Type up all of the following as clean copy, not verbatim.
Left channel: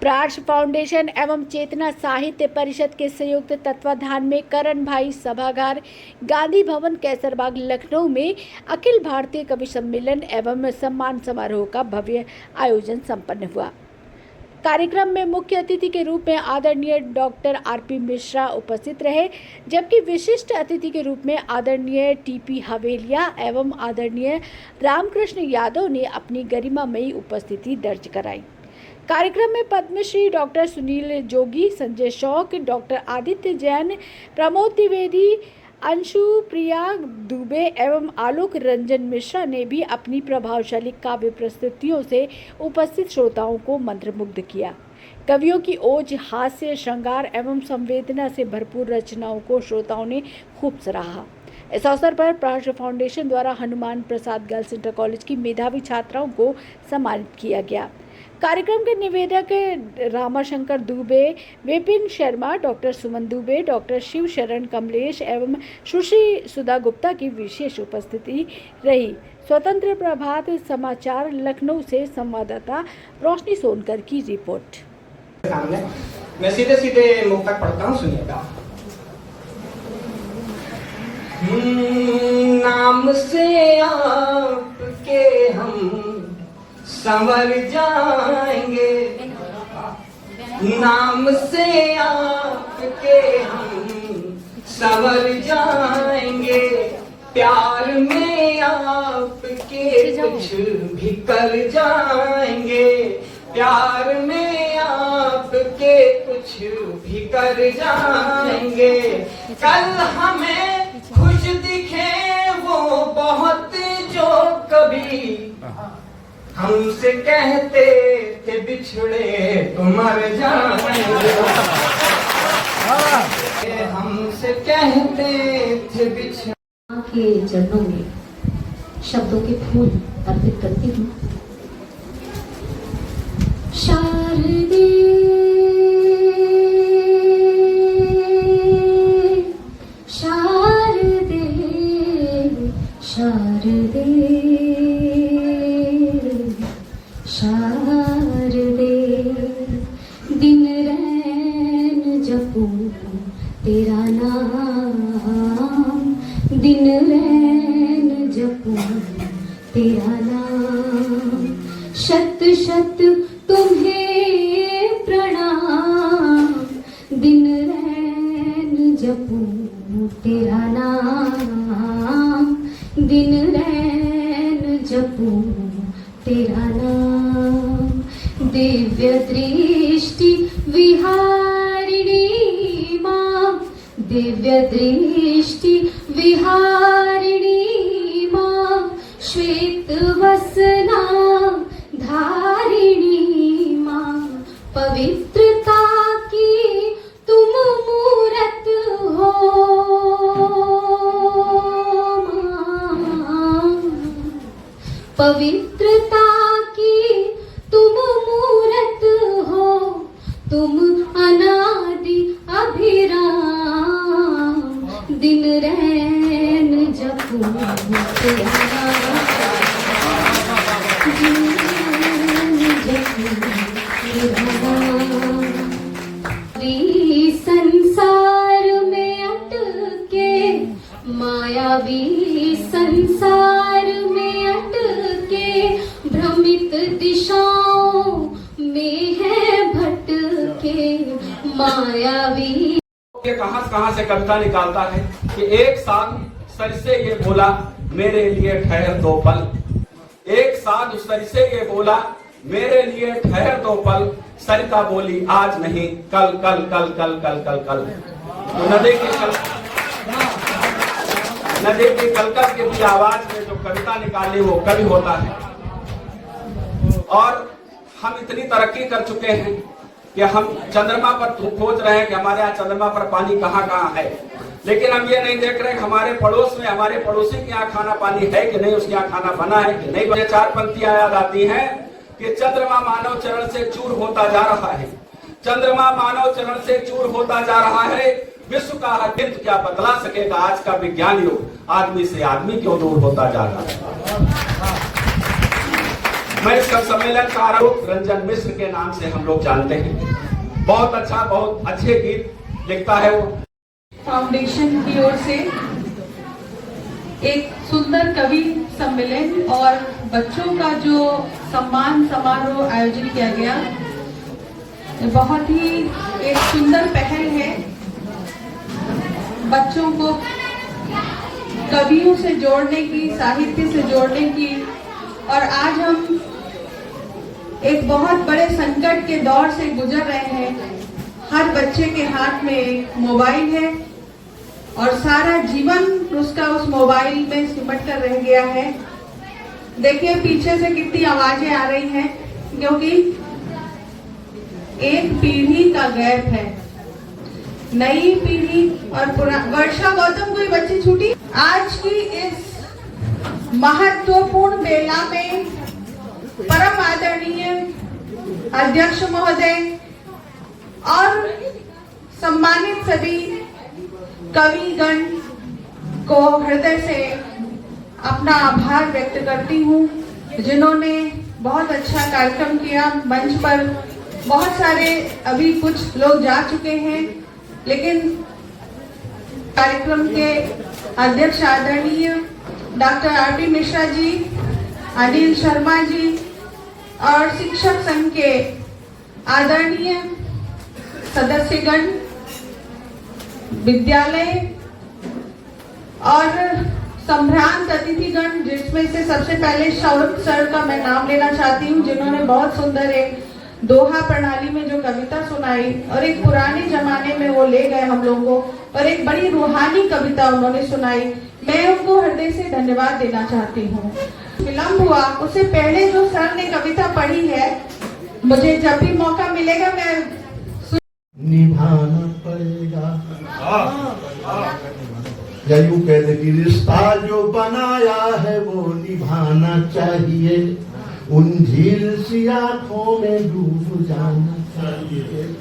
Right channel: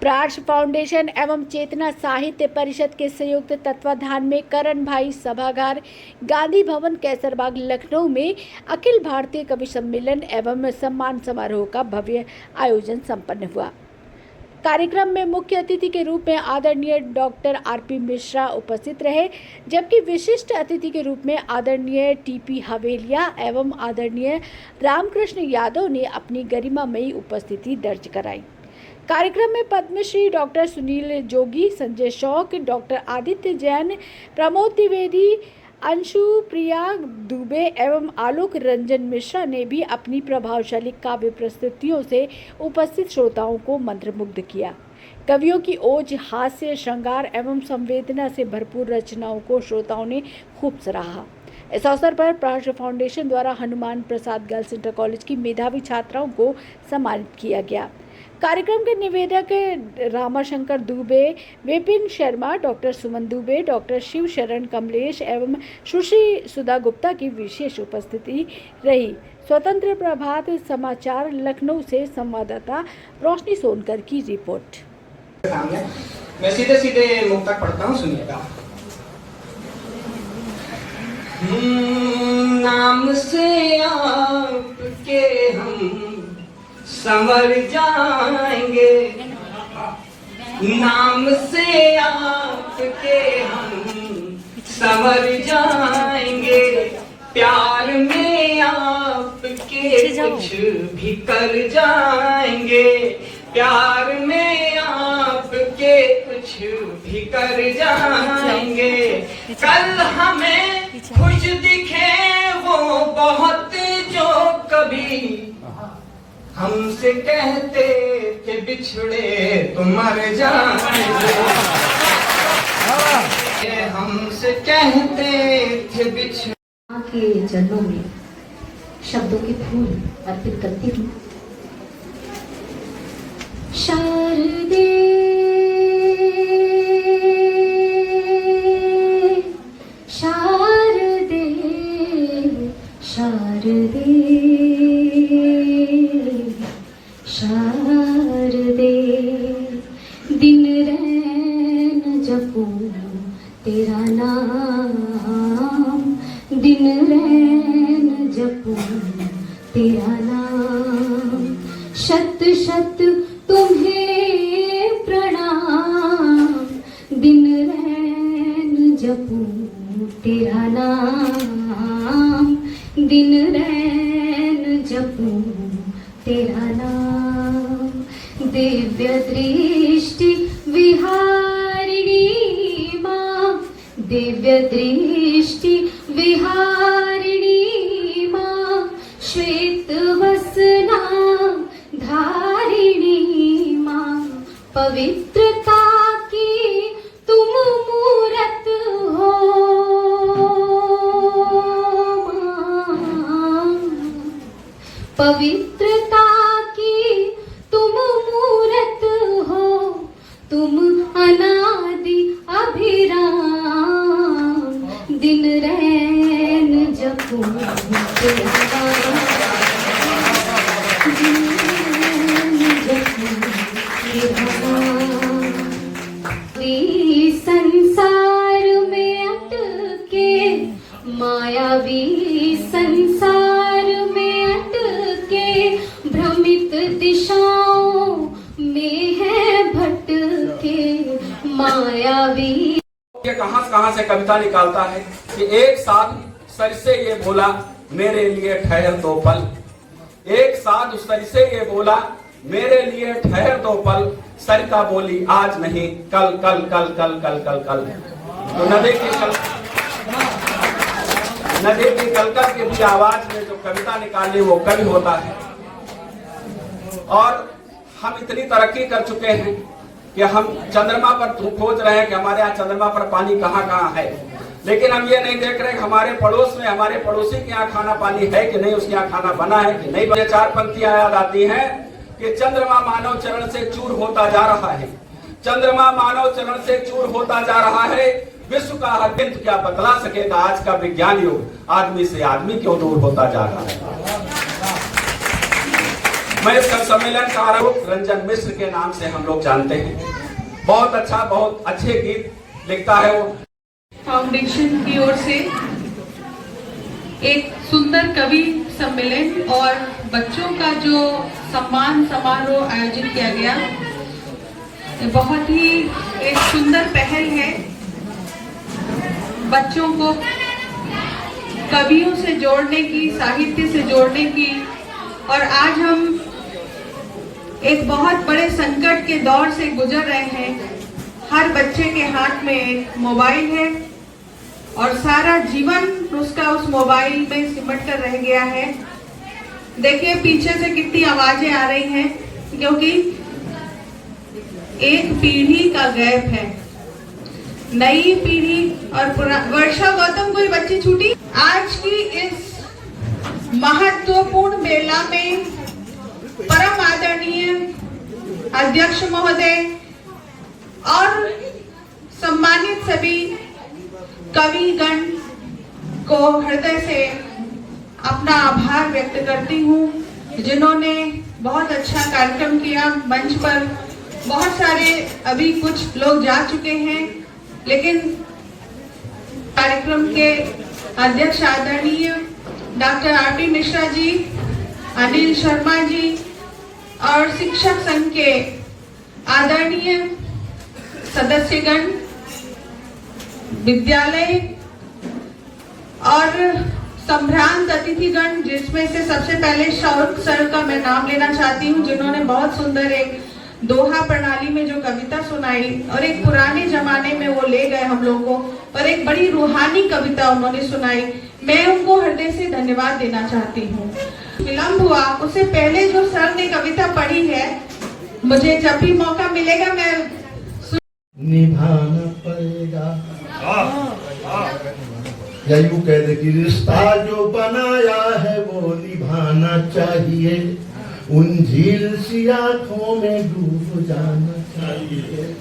प्रार्श foundation एवं चेतना साहित्य परिषद के संयुक्त तत्वाधान में करण भाई सभागार गांधी भवन कैसरबाग लखनऊ में अखिल भारतीय कवि सम्मेलन एवं सम्मान समारोह का भव्य आयोजन संपन्न हुआ। कार्यक्रम में मुख्य अतिथि के रूप में आदरणीय डॉक्टर आरपी मिश्रा उपस्थित रहे, जबकि विशिष्ट अतिथि के रूप में आदरणीय टीपी हवेलिया एवं आदरणीय रामकृष्ण यादव ने अपनी गरिमामयी उपस्थिति दर्ज कराई। कार्यक्रम में पद्मश्री डॉक्टर सुनील जोगी, संजय शौक, डॉक्टर आदित्य जैन, प्रमोद द्विवेदी, अंशु प्रिया दुबे एवं आलोक रंजन मिश्रा ने भी अपनी प्रभावशाली काव्य प्रस्तुतियों से उपस्थित श्रोताओं को मंत्रमुग्ध किया। कवियों की ओज, हास्य, श्रृंगार एवं संवेदना से भरपूर रचनाओं को श्रोताओं ने खूब सराहा। इस अवसर पर प्रार्श फाउंडेशन द्वारा Hanuman Prasad girls inter college की मेधावी छात्राओं को सम्मानित किया गया। कार्यक्रम के निवेदक रामाशंकर दुबे, विपिन शर्मा, डॉक्टर सुमन दुबे, डॉक्टर शिव शरण कमलेश एवं सुश्री सुधा गुप्ता की विशेष उपस्थिति रही। स्वतंत्र प्रभात समाचार लखनऊ से संवाददाता रोशनी सोनकर की रिपोर्ट। मैं सीधे सीधे मुक्तक पढ़ता हूँ, सुनिएगा। नाम से आपके हम संवर जाएंगे, नाम से आपके हम संवर जाएंगे, प्यार में आपके कुछ भी कर जाएंगे, प्यार में आपके कुछ भी कर जाएंगे। कल हमें खुश दिखे वो बहुत जो कभी हमसे कहते कि बिछड़े तो मर जाएंगे, हमसे कहते थे बिछड़े। के चरणों में शब्दों के फूल अर्पित करती हूँ। शारदे शारदे शारदे शारदे, दिन रैन जपू तेरा नाम, दिन रैन जपू तेरा नाम, शत शत तुम्हें प्रणाम, दिन रैन जपू तेरा नाम, दिन रैन जपू तेरा नाम। दिव्य दृष्टि विहारिणी मां, दिव्य दृष्टि विहारिणी मां, श्वेत वसना धारिणी मां, पवित्रता की तुम मूरत हो मां, पवित्रता की तुम मूरत हो, तुम अनादि अभिराम, दिन रैन जपू तेरा संसार में अटके, मायावी संसार में अटके, भ्रमित दिशाओं में है भटके, मायावी। ये कहां से कविता निकालता है कि एक साथ सर से ये बोला मेरे लिए ठहर दो पल, एक साथ सर से ये बोला मेरे लिए ठहर दो पल, सर का बोली आज नहीं कल कल कल कल कल कल कल। तो नदी की कलकल की भी आवाज में जो कविता निकाली वो कवि होता है। और हम इतनी तरक्की कर चुके हैं कि हम चंद्रमा पर खोज रहे हैं कि हमारे यहाँ चंद्रमा पर पानी कहाँ कहाँ है, लेकिन हम ये नहीं देख रहे कि हमारे पड़ोस में हमारे पड़ोसी के यहाँ खाना पानी है कि नहीं, उसके यहाँ खाना बना है कि नहीं। मुझे चार पंक्तियां याद आती हैं कि चंद्रमा मानव चरण से चूर होता जा रहा है, चंद्रमा मानव चरण से चूर होता जा रहा है, विश्व का अत्यंत क्या बतला सकेगा आज का विज्ञान युग, आदमी से आदमी क्यों दूर होता जा रहा है। मैं इस कवि सम्मेलन का आरंभ रंजन मिश्र के नाम से हम लोग जानते हैं। बहुत अच्छा, बहुत अच्छे गीत लिखता है वो। फाउंडेशन की ओर से एक सुंदर कवि सम्मेलन और बच्चों का जो सम्मान समारोह आयोजित किया गया, ये बहुत ही एक सुंदर पहल है। बच्चों को कवियों से जोड़ने की, साहित्य से जोड़ने की, और आज हम एक बहुत बड़े संकट के दौर से गुजर रहे हैं। हर बच्चे के हाथ में मोबाइल है और सारा जीवन उसका उस मोबाइल में सिमट कर रह गया है। देखिए पीछे से कितनी आवाजें आ रही हैं, क्योंकि एक पीढ़ी का गैप है। नई पीढ़ी और वर्षा गौतम कोई बच्ची छूटी। आज की इस महत्वपूर्ण मेला में परम आदरणीय अध्यक्ष महोदय और सम्मानित सभी कविगण को हृदय से अपना आभार व्यक्त करती हूँ, जिन्होंने बहुत अच्छा कार्यक्रम किया। मंच पर बहुत सारे अभी कुछ लोग जा चुके हैं, लेकिन कार्यक्रम के अध्यक्ष आदरणीय डॉक्टर आर.टी. मिश्रा जी, अनिल शर्मा जी और शिक्षक संघ के आदरणीय सदस्यगण, विद्यालय और संभ्रांत अतिथिगण, जिसमें से सबसे पहले शौर्य सर का मैं नाम लेना चाहती हूँ, जिन्होंने बहुत सुंदर एक दोहा प्रणाली में जो कविता सुनाई और एक पुराने जमाने में वो ले गए हम लोगों को, पर एक बड़ी रूहानी कविता उन्होंने सुनाई। मैं उनको हृदय से धन्यवाद देना चाहती हूँ। विलम्ब हुआ, उससे पहले जो सर ने कविता पढ़ी है, मुझे जब भी मौका मिलेगा मैं निभाना पड़ेगा, या यूं कह दे कि रिश्ता जो बनाया है वो निभाना चाहिए। उन झील सी आंखों में डूब जाना चाहिए,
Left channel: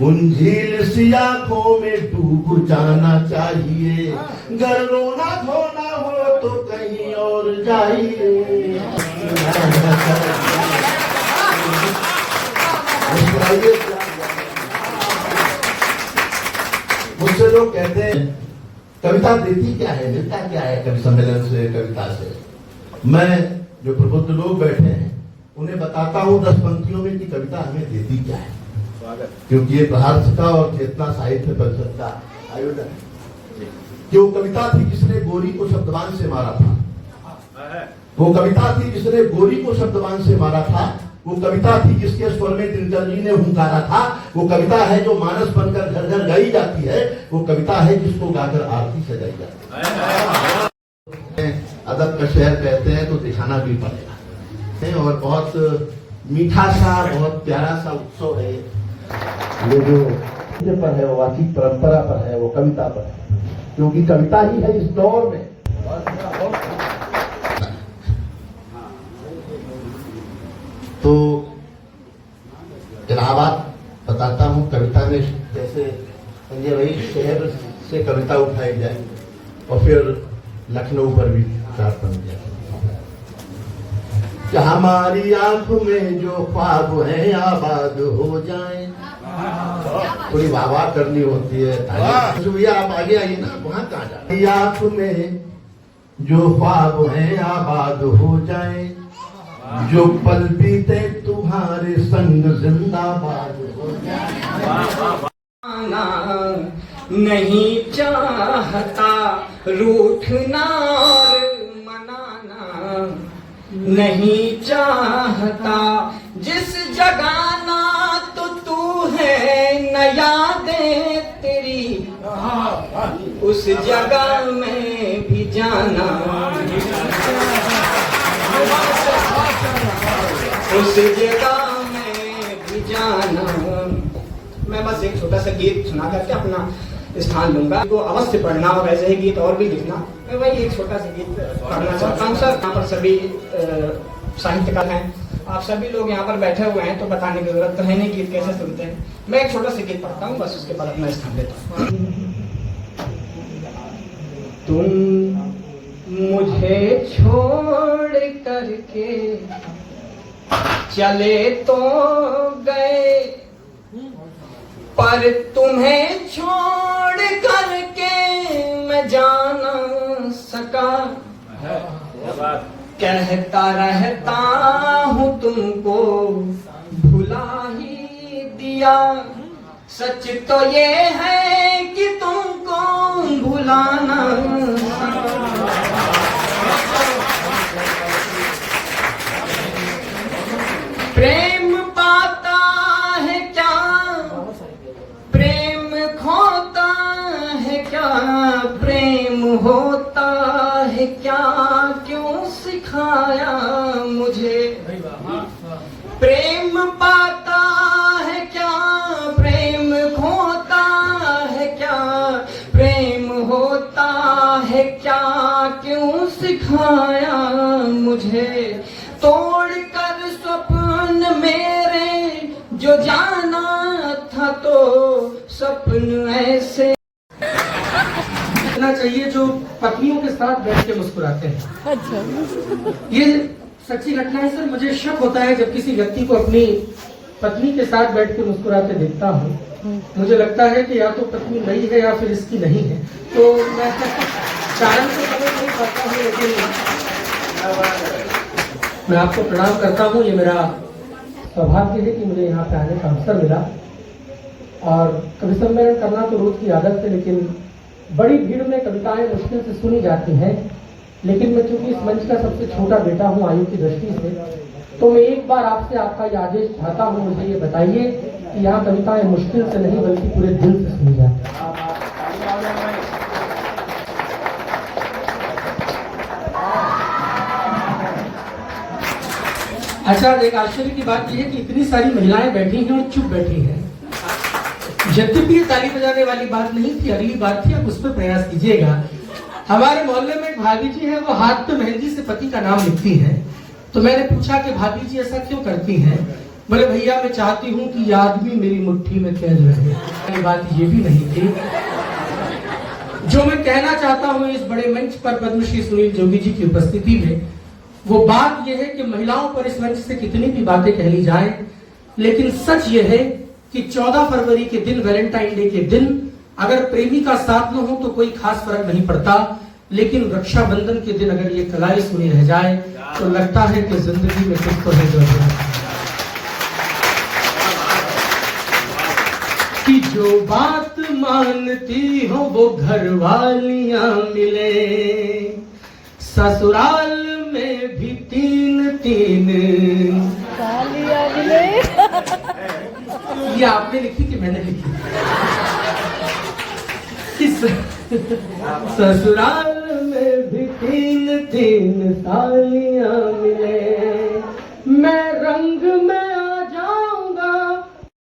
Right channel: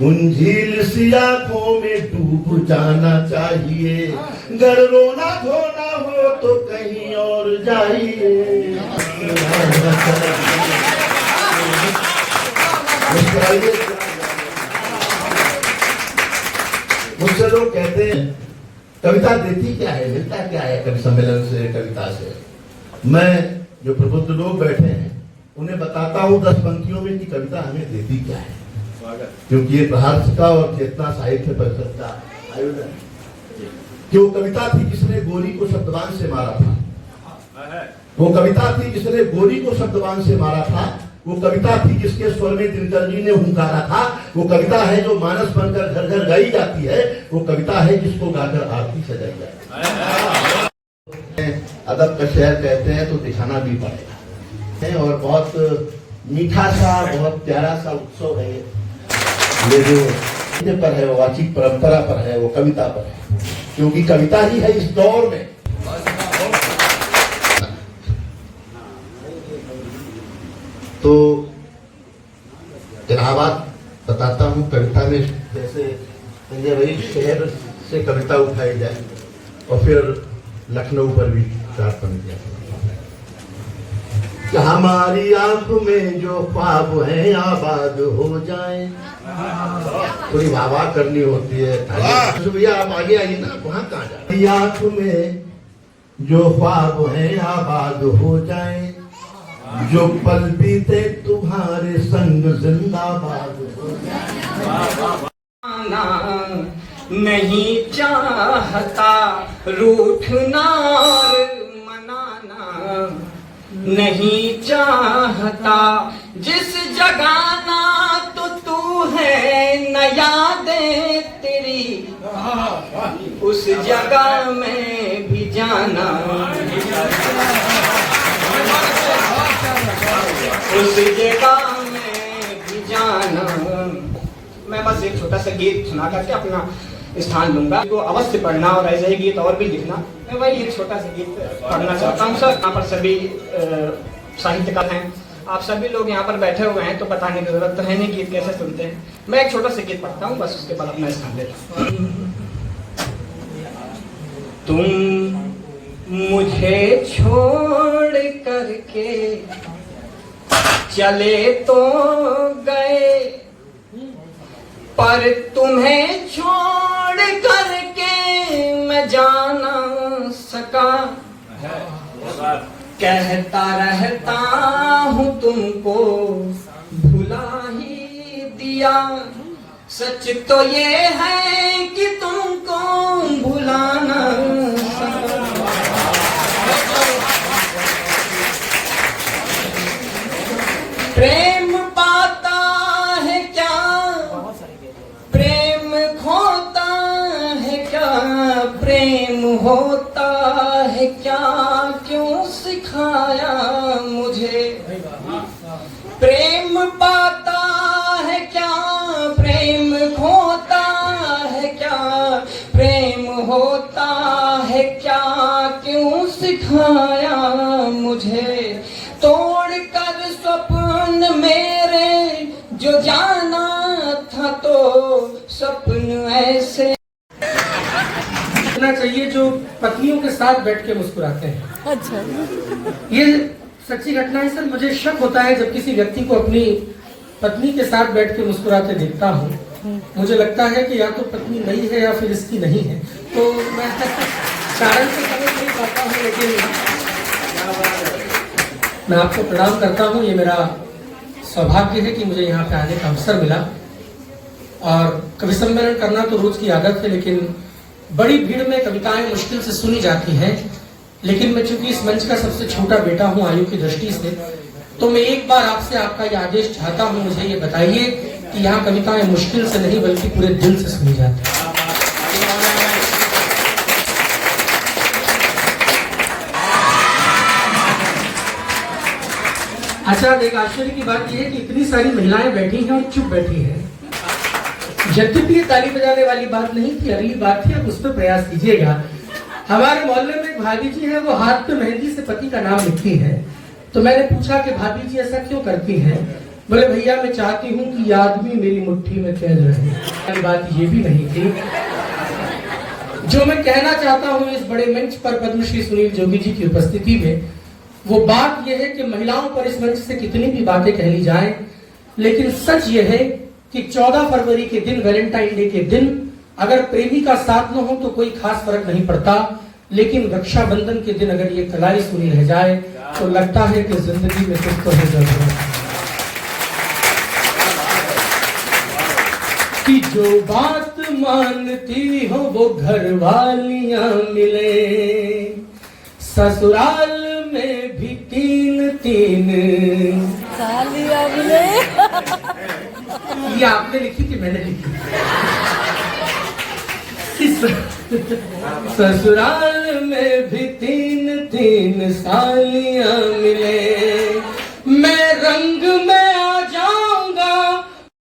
उन झील सी आंखों में डूब जाना चाहिए। गर रोना धोना हो तो कहीं और जाइए। मुझसे लोग कहते हैं कविता देती क्या है, मिलता क्या है कवि सम्मेलन से, कविता से। मैं जो प्रबुद्ध लोग बैठे हैं उन्हें बताता हूँ 10 पंक्तियों में कि कविता हमें देती क्या है, क्योंकि ये प्रहार्थ का और चेतना साहित्य परिषद का आयोजन। क्यों कविता थी जिसने गोरी को शब्दवान से मारा था, वो कविता थी जिसने गोरी को शब्दवान से मारा था, वो कविता थी जिसके स्वर में दिनकर जी ने हुंकारा था, वो कविता है जो मानस बनकर घर घर गाई जाती है, वो कविता है जिसको गाकर आरती सजाई जाती है। अदब का शहर कहते हैं तो दिखाना भी पड़ेगा, और बहुत मीठा सा, बहुत प्यारा सा उत्सव है ये जो पर है, वो वाचिक परंपरा पर है, वो कविता पर है, क्योंकि कविता ही है इस दौर में। तो जनाबात बताता हूँ कविता में, जैसे संजय भाई शहर से कविता उठाई जाए और फिर लखनऊ पर भी प्रार्थना किया कि हमारी आंख में जो ख्वाब है आबाद हो जाए। थोड़ी वाह करनी होती है भैया, आप आगे आइए ना, वहां कहाँ जाए। आंख में जो ख्वाब है आबाद हो जाए, जो पल बीते तुम्हारे संग जिंदाबाद हो जाए। नहीं चाहता रूठना और मनाना, नहीं चाहता जिस जगाना तो तू है नया दे तेरी, उस जगह में भी जाना, उस जगह में भी जाना। मैं बस एक छोटा सा गीत सुना करके अपना स्थान लूंगा, तो अवश्य पढ़ना और ऐसे ही गीत और भी लिखना। मैं वही एक छोटा सा गीत पढ़ना चाहता हूँ। सर यहाँ पर सभी साहित्यकार हैं, आप सभी लोग यहाँ पर बैठे हुए हैं, तो बताने की जरूरत तो है नहीं गीत कैसे सुनते हैं। मैं एक छोटा सा गीत पढ़ता हूँ, बस उसके बाद अपना स्थान लेता हूँ। तुम मुझे छोड़ करके चले तो गए, पर तुम्हें छोड़ करके मैं जा ना सका। कहता रहता हूँ तुमको भुला ही दिया, सच तो ये है कि तुमको भुलाना। प्रेम पाता है क्या, प्रेम खोता है क्या, प्रेम होता है क्या, क्यों सिखाया मुझे। प्रेम पाता है क्या, प्रेम खोता है क्या, प्रेम होता है क्या, क्यों सिखाया मुझे। तोड़ कर स्वप्न मेरे जो जाना था तो स्वप्न ऐसे चाहिए जो पत्नियों के साथ बैठ के मुस्कुराते हैं। अच्छा, ये सच्ची घटना है सर। मुझे शक होता है जब किसी व्यक्ति को अपनी पत्नी के साथ बैठ के मुस्कुराते देखता हूँ, मुझे लगता है कि या तो पत्नी नई है या फिर इसकी नहीं है। तो मैं कारण तो समझ नहीं पाता हूँ, लेकिन मैं आपको प्रणाम करता हूँ। ये मेरा सौभाग्य है कि मुझे यहाँ पे आने का अवसर मिला। और कवि सम्मेलन करना तो रोज की आदत है, लेकिन बड़ी भीड़ में कविताएं मुश्किल से सुनी जाती हैं। लेकिन मैं चूंकि इस मंच का सबसे छोटा बेटा हूं आयु की दृष्टि से, तो मैं एक बार आपसे आपका ये आदेश चाहता हूं, मुझे ये बताइए कि यहाँ कविताएं मुश्किल से नहीं बल्कि पूरे दिल से सुनी जाती हैं। अच्छा, एक आश्चर्य की बात यह है कि इतनी सारी महिलाएं बैठी हैं और चुप बैठी हैं। यद्यपि ये ताली बजाने वाली बात नहीं थी, अगली बात थी, अब उस पर प्रयास कीजिएगा। हमारे मोहल्ले में एक भाभी जी है, वो हाथ पे मेहंदी से पति का नाम लिखती है। तो मैंने पूछा कि भाभी जी ऐसा क्यों करती हैं? बोले भैया मैं चाहती हूँ कि ये आदमी मेरी मुट्ठी में कैद रहे। बात ये भी नहीं थी। जो मैं कहना चाहता हूँ इस बड़े मंच पर पद्मश्री सुनील जोगी जी की उपस्थिति में, वो बात यह है कि महिलाओं पर इस मंच से कितनी भी बातें कह ली जाए, लेकिन सच ये है कि 14 फरवरी के दिन, वैलेंटाइन डे के दिन, अगर प्रेमी का साथ न हो तो कोई खास फर्क नहीं पड़ता, लेकिन रक्षाबंधन के दिन अगर ये कलाई सुनी रह जाए तो लगता है कि जिंदगी में कुछ तो है जरूरत। कि जो बात मानती हो वो घर वालियां मिले, ससुराल में भी 3-3 सालियां मिले। ये आपने लिखी कि मैंने लिखी? ससुराल में भी 3-3 सालियां मिले,